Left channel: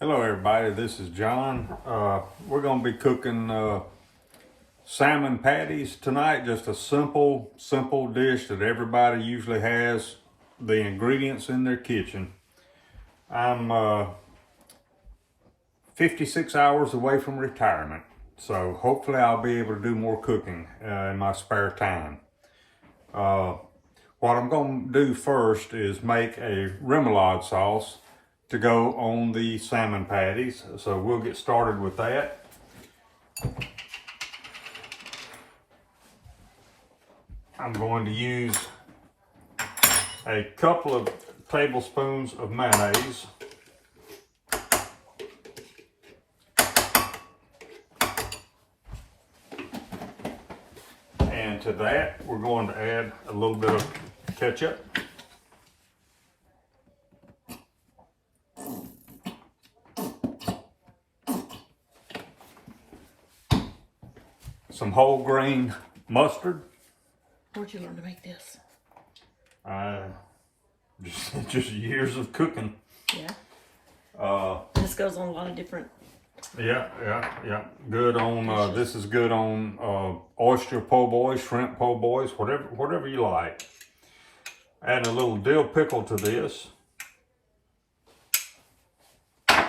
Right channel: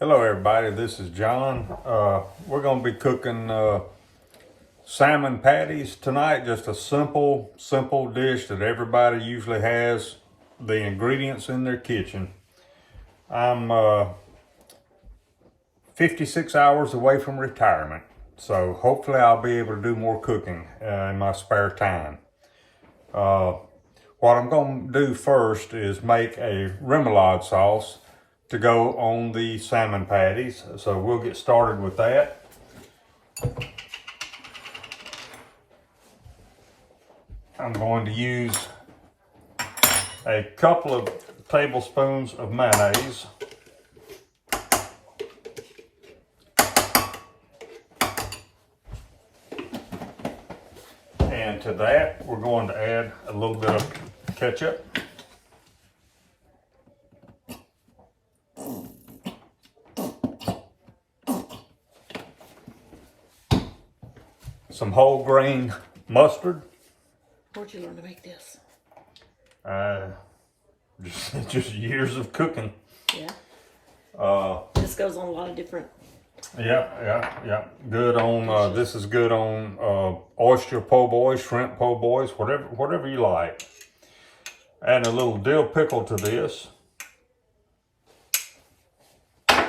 Hello everybody, this is John. We're going to be cooking salmon patties tonight. Just a simple dish that everybody usually has the ingredients in their kitchen. I'm 56 hours away from retirement, so hopefully I'll be able to do more cooking in my spare time. What I'm going to do first is make a remoulade sauce to go on the salmon patties. So we'll get started with that. I'm going to use a couple of tablespoons of mayonnaise. And to that, we're going to add a little bit of ketchup. Some whole grain mustard. Where'd you learn to make this? Just years of cooking. Yeah. This goes on a lot of different. Yeah. Good on. This is good on oyster po' boys, shrimp po' boys, whatever you like. Add a little dill pickle to this. A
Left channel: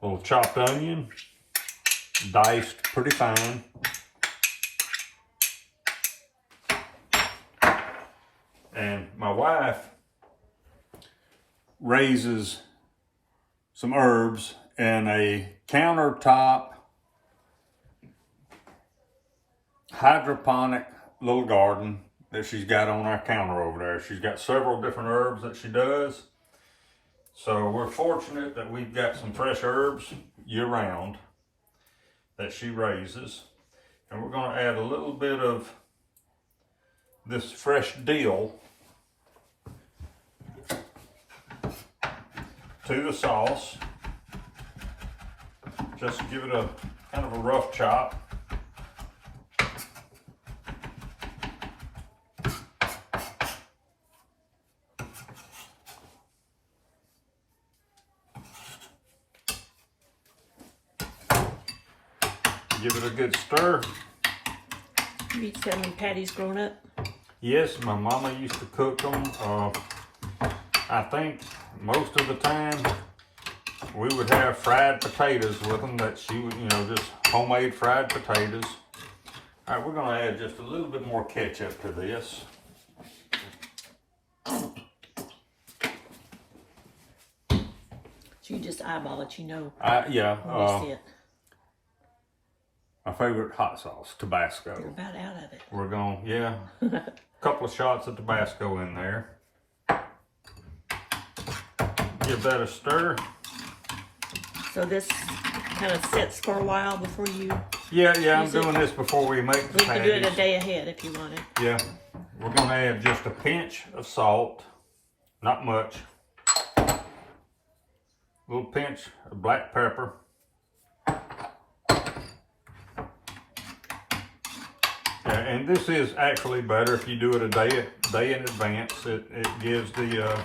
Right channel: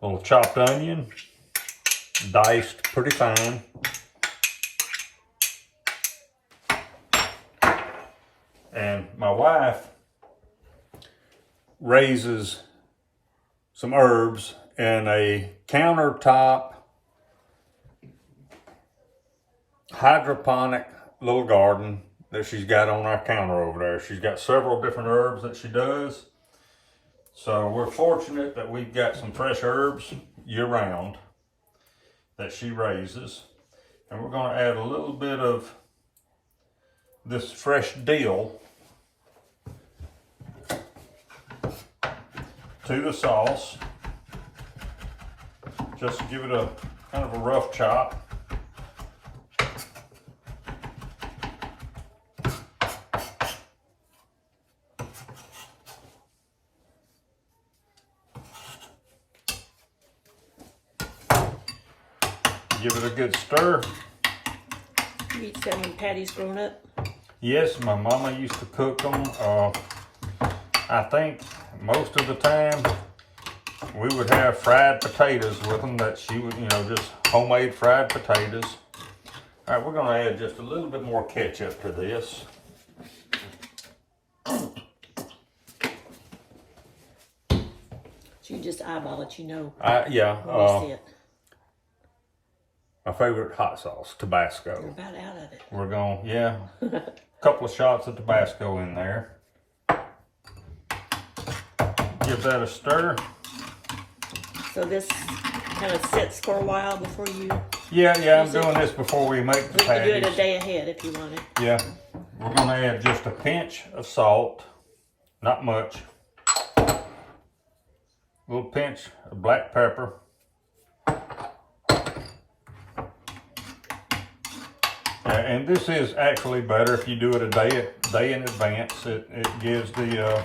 little chopped onion, diced pretty fine. And my wife raises some herbs in a countertop hydroponic little garden that she's got on our counter over there. She's got several different herbs that she does. So we're fortunate that we've got some fresh herbs year round that she raises. And we're going to add a little bit of this fresh dill to the sauce. Just give it a kind of a rough chop. Give it a good stir. You eat salmon patties growing up? Yes, my mama used to cook them. I think most of the time we would have fried potatoes with them that she would, just homemade fried potatoes. All right, we're going to add just a little bit more ketchup to this. So you just eyeball it, Yeah. See it. My favorite hot sauce, Tabasco. We're about out of it. We're going, a couple of shots of Tabasco in there. Give that a stir. So this kind of sets for a while before you... Yeah, I'm doing this before we make the patties. You can do it a day ahead if you wanted. Yeah. We're going to add just a pinch of salt. Not much. A little pinch of black pepper. And this is actually better if you do it a day in advance. It gives the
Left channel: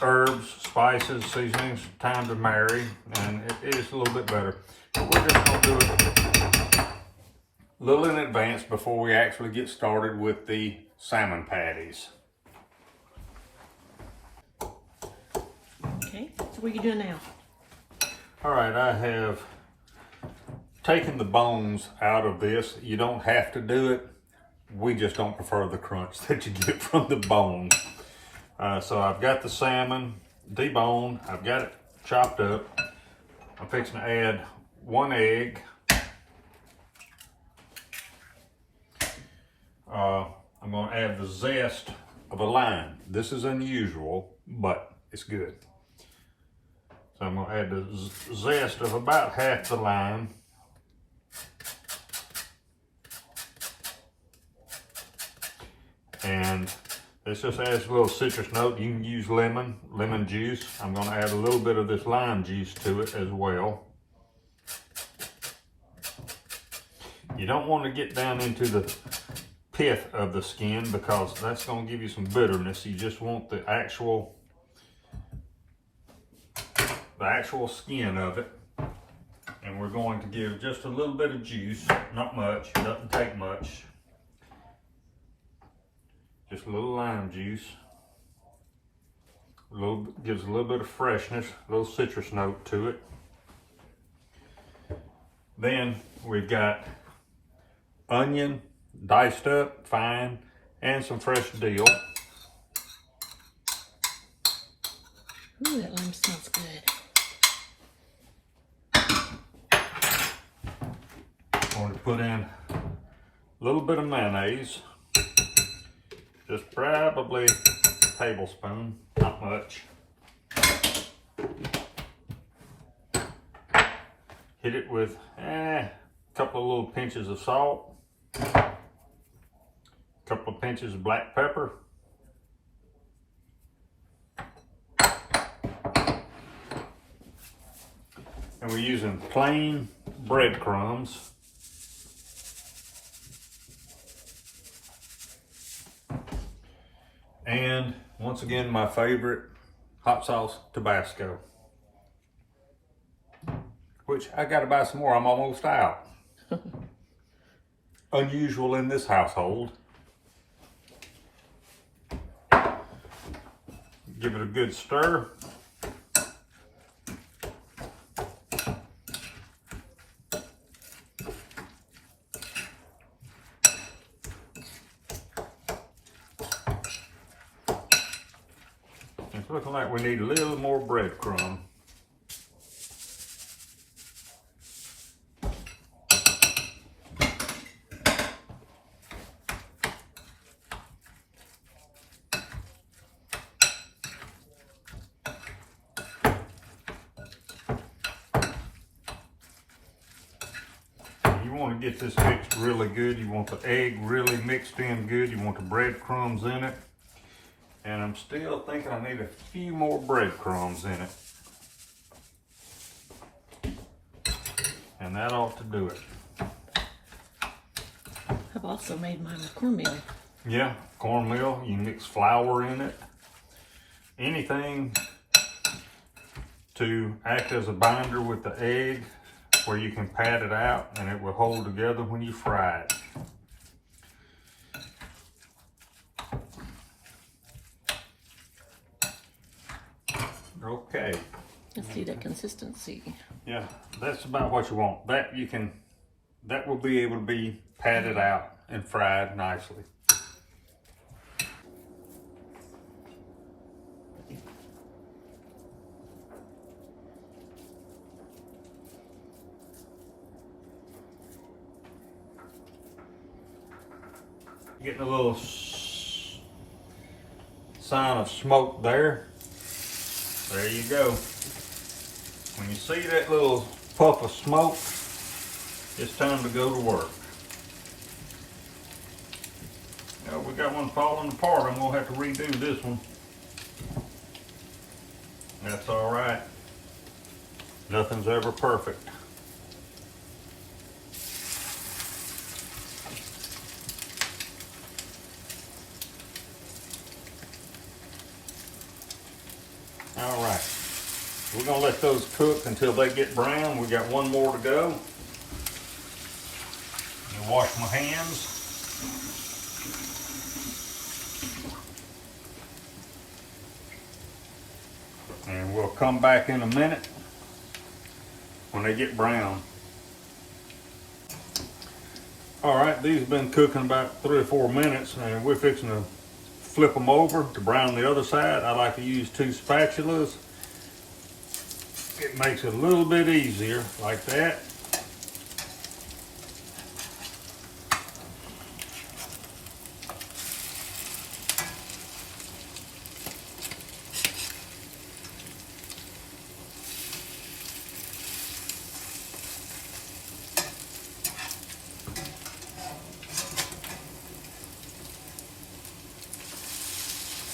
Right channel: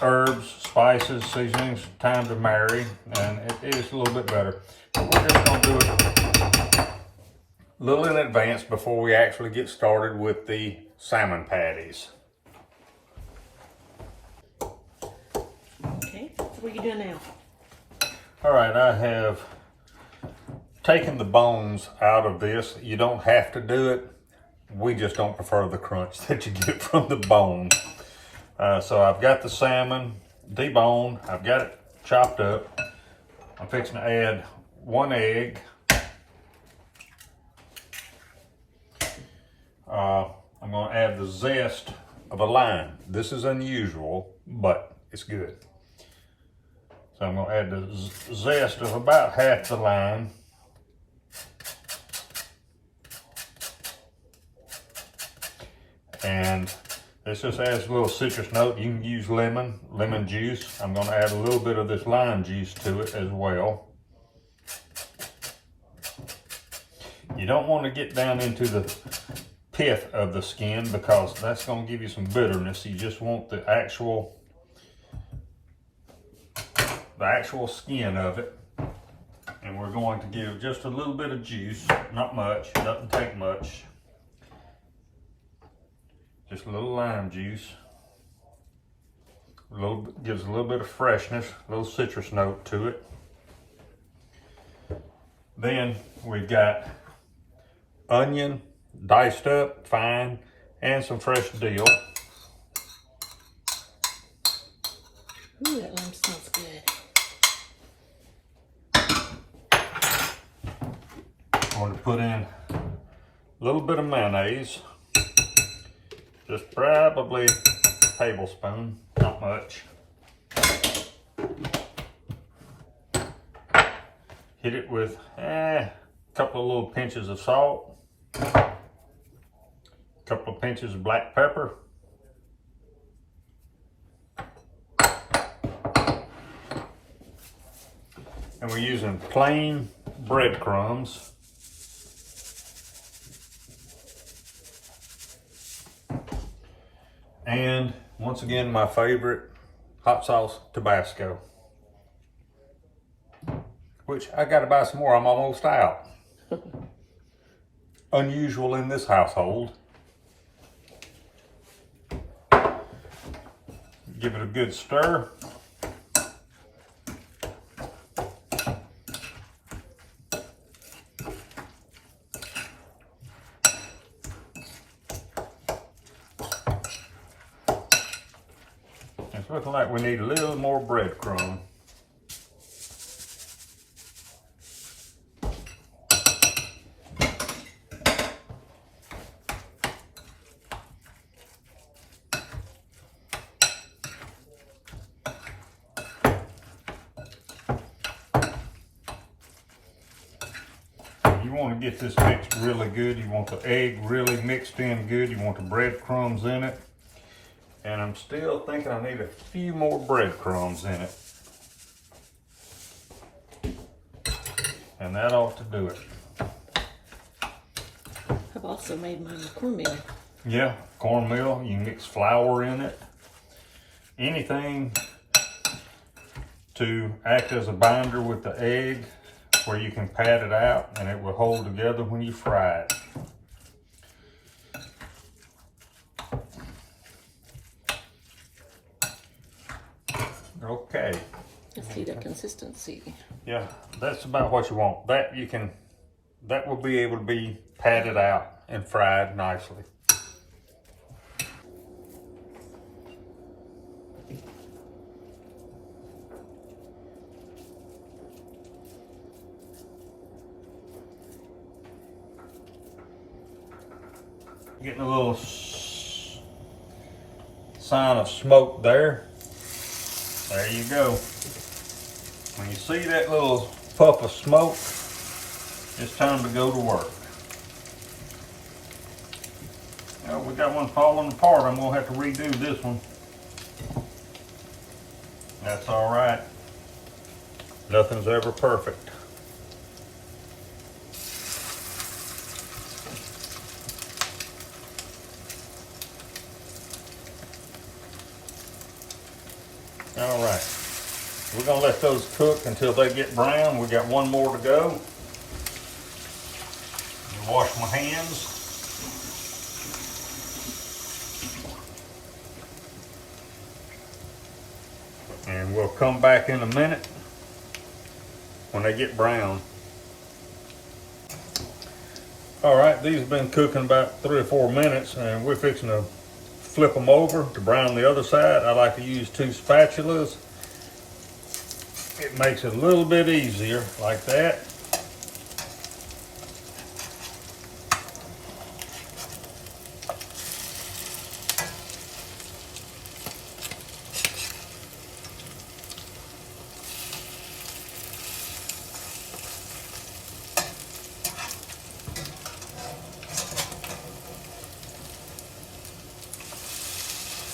herbs, spices, seasonings time to marry, and it is a little bit better. But we're just going to do it a little in advance before we actually get started with the salmon patties. Okay, so what are you doing now? All right, I have taken the bones out of this. You don't have to do it. We just don't prefer the crunch that you get from the bone. So I've got the salmon deboned. I've got it chopped up. I'm fixing to add 1 egg. I'm going to add the zest of a lime. This is unusual, but it's good. So I'm going to add the zest of about half the lime. And this just adds a little citrus note. You can use lemon juice. I'm going to add a little bit of this lime juice to it as well. You don't want to get down into the pith of the skin because that's going to give you some bitterness. You just want the actual the actual skin of it. And we're going to give just a little bit of juice, not much, doesn't take much. Just a little lime juice. Gives a little bit of freshness, a little citrus note to it. Then we've got onion, diced up, fine, and some fresh dill. Ooh, that lime smells good. I'm going to put in a little bit of mayonnaise, just probably a tablespoon, not much. Hit it with a couple of little pinches of salt, a couple of pinches of black pepper, and we're using plain breadcrumbs. And once again, my favorite, hot sauce Tabasco. Which I gotta buy some more, I'm almost out. Unusual in this household. Give it a good stir. It's looking like we need a little more breadcrumb. You want to get this mixed really good. You want the egg really mixed in good. You want the breadcrumbs in it. And I'm still thinking I need a few more breadcrumbs in it. And that ought to do it. I've also made mine with cornmeal. Yeah, cornmeal. You mix flour in it. Anything to act as a binder with the egg where you can pat it out and it will hold together when you fry it. Okay. Let's see the consistency. Yeah, that's about what you want. That will be able to be patted out and fried nicely. Getting a little sign of smoke there. There you go. When you see that little puff of smoke, it's time to go to work. Well, we got one falling apart. I'm gonna have to redo this one. That's all right. Nothing's ever perfect. All right, we're gonna let those cook until they get brown. We got one more to go. I'll wash my hands. And we'll come back in a minute when they get brown. All right, these have been cooking about 3 or 4 minutes, and we're fixing to flip them over to brown the other side. I like to use 2 spatulas. It makes it a little bit easier like that.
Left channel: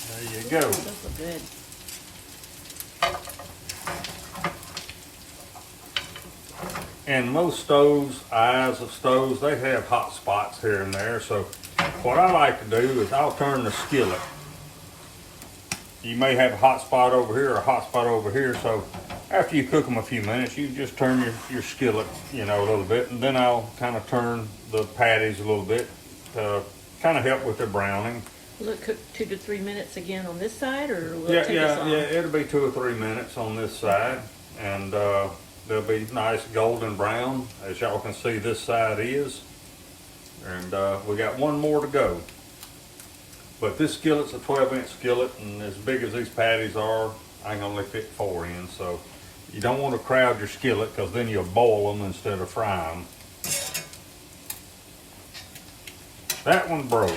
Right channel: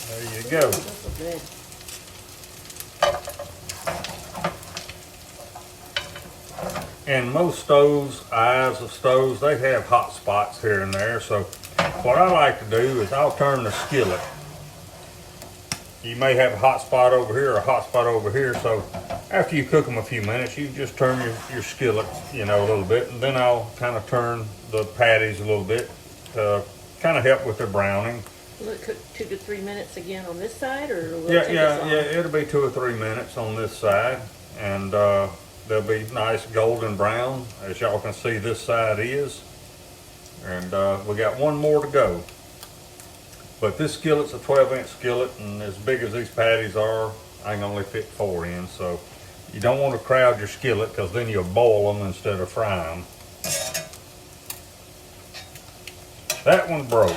There you go. Good. And most stoves, eyes of stoves, they have hot spots here and there. So what I like to do is I'll turn the skillet you may have a hot spot over here or a hot spot over here. So after you cook them a few minutes, you just turn your skillet, you know, a little bit, and then I'll kind of turn the patties a little bit to kind of help with their browning. Will it cook 2 to 3 minutes again on this side, or will it Yeah, take yeah, us yeah. off? It'll be 2 or 3 minutes on this side, and they'll be nice golden brown, as y'all can see this side is. And we got one more to go. But this skillet's a 12-inch skillet, and as big as these patties are, I can only fit 4 in. So you don't want to crowd your skillet, because then you'll boil them instead of fry them. That one broke.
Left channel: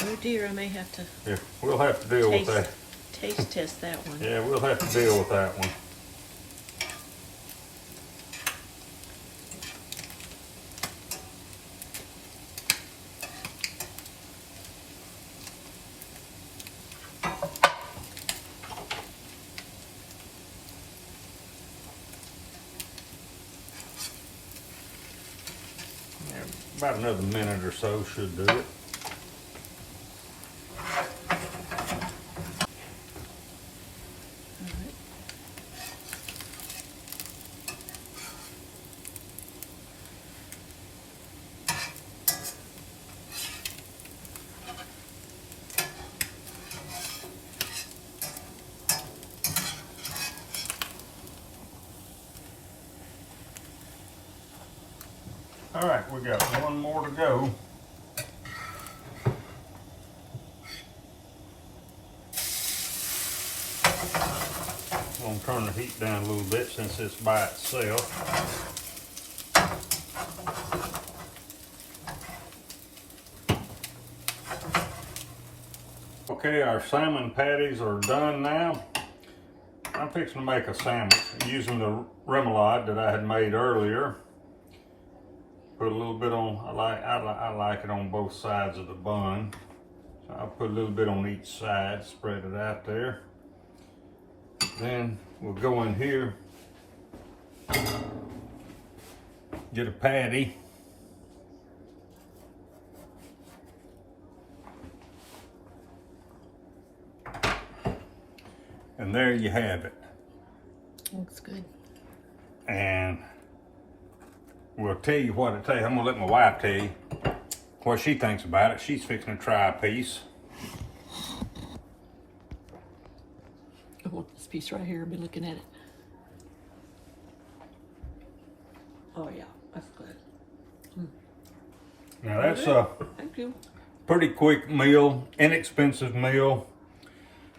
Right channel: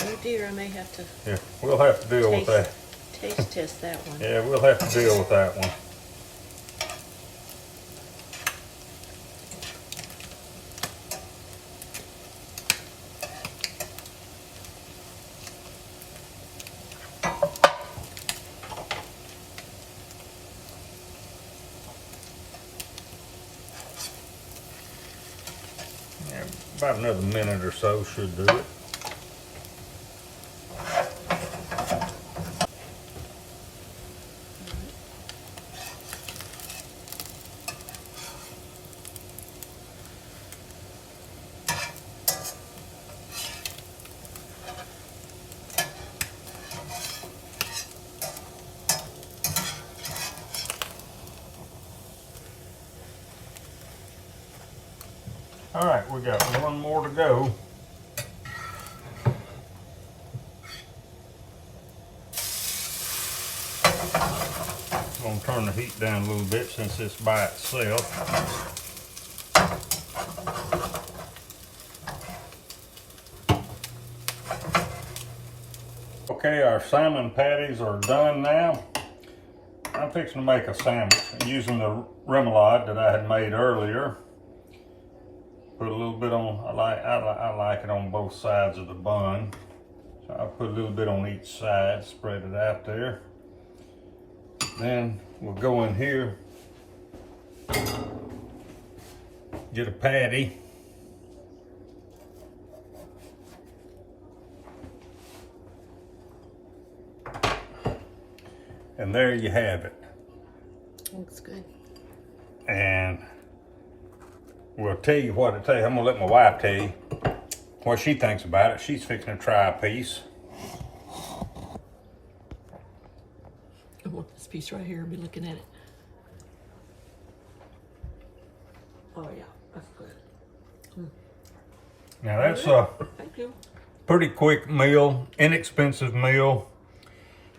Oh dear, I may have to Yeah, we'll have to deal with that. taste test that one. Yeah, we'll have to deal with that one. Yeah, about another minute or so should do it. All right, we got one more to go. I'm gonna turn the heat down a little bit since it's by itself. Okay, our salmon patties are done now. I'm fixing to make a sandwich using the remoulade that I had made earlier. Put a little bit on, I like it on both sides of the bun. So I'll put a little bit on each side, spread it out there. Then we'll go in here, get a patty. And there you have it. Looks good. And we'll tell you what to tell you. I'm gonna let my wife tell you what she thinks about it. She's fixing to try a piece. I want this piece right here. I've been looking at it. Oh yeah, that's good. Now that's a Thank you. pretty quick meal, inexpensive meal.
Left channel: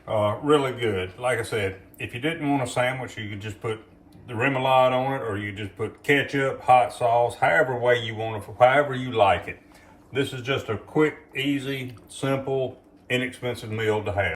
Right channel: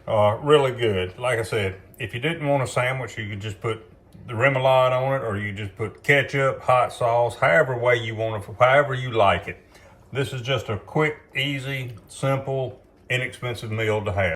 Really good. Like I said, if you didn't want a sandwich, you could just put the remoulade on it, or you just put ketchup, hot sauce, however way you want it, however you like it. This is just a quick, easy, simple, inexpensive meal to have.